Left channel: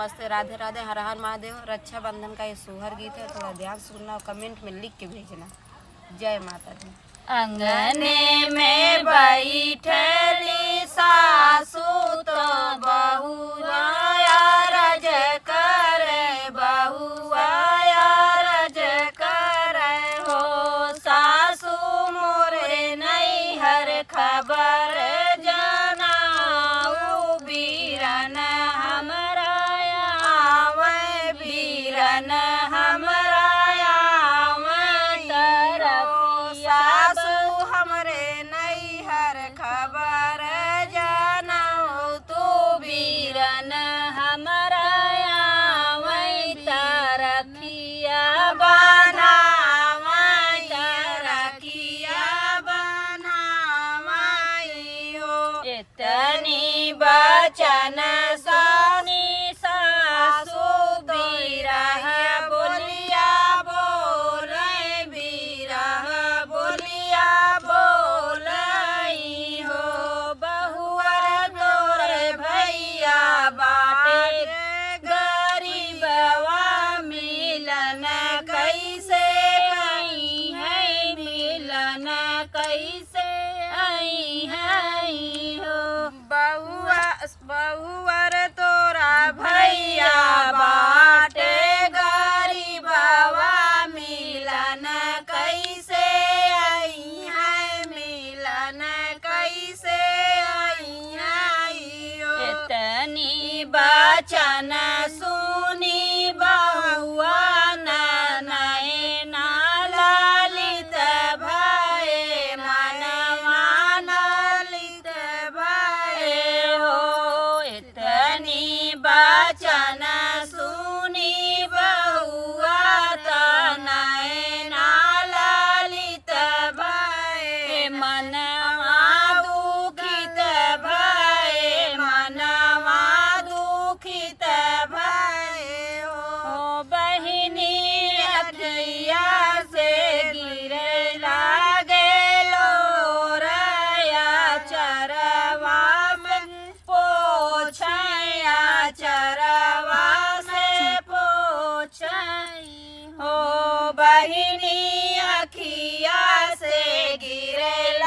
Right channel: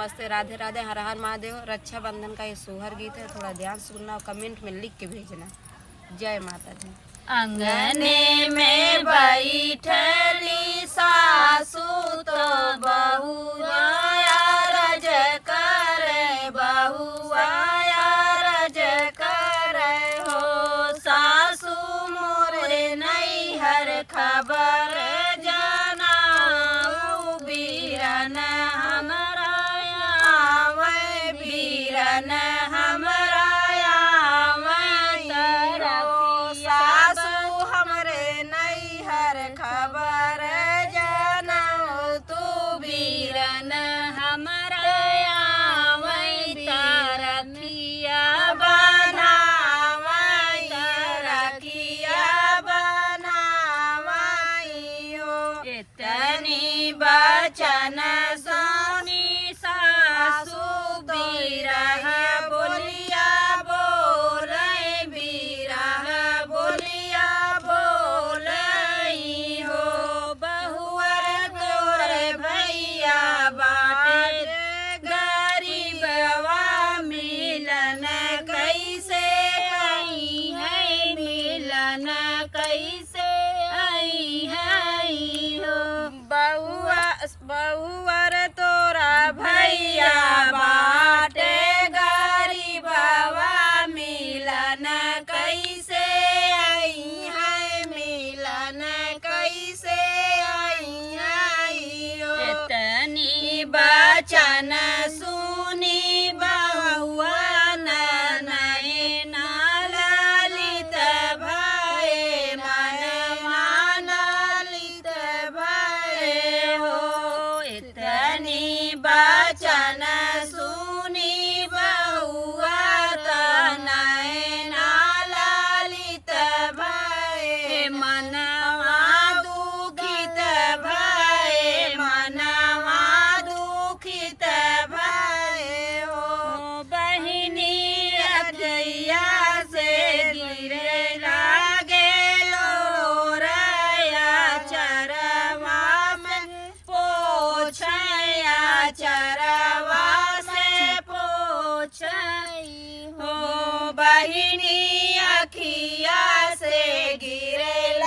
नमस्ते, राधे राधे, हर हर महादेव। रक्षाबंधन का ये सोहर गीत है, थोड़ा ध्यान से सुनना और कमेंट में लिख के भेजना। जय माता दी। अंगने में बैठली सासू तो बहुआ रज करे, बहुआ रज करे हो। सासू मोरे नैहर खबर जनाऊ, बीरन हमरा आवे, बीरन हमरा आवे हो। सासू हमरे नैहर खबर जनाऊ, तू बीरन हमरा आवे, रखिया बनावई, रखिया बनावई हो। इतनी बचन सोनी सासू बीरह बोलिया बोले, बीरह बोलिया बोलई हो। बहुअर तोर भैया बाटे गरीबवा, मिलन कैसे आई है, मिलन कैसे आई है हो। बहुअर तोरा भैया बाटे गरीबवा, मिलन कैसे आई है, मिलन कैसे आई है हो। इतनी बचन सुनी बहुआ नयन ललित भये, मन ललित भये हो। इतनी बचन सुनी बहुआ नयन ललित भये, मनवा दुखित भये, मनवा दुखित भये हो। बहिनी रजैया से गिरे लागे लोरया, चरवा में पोछया, चरवा से पोछई हो। बहिनी अखिया से गिरे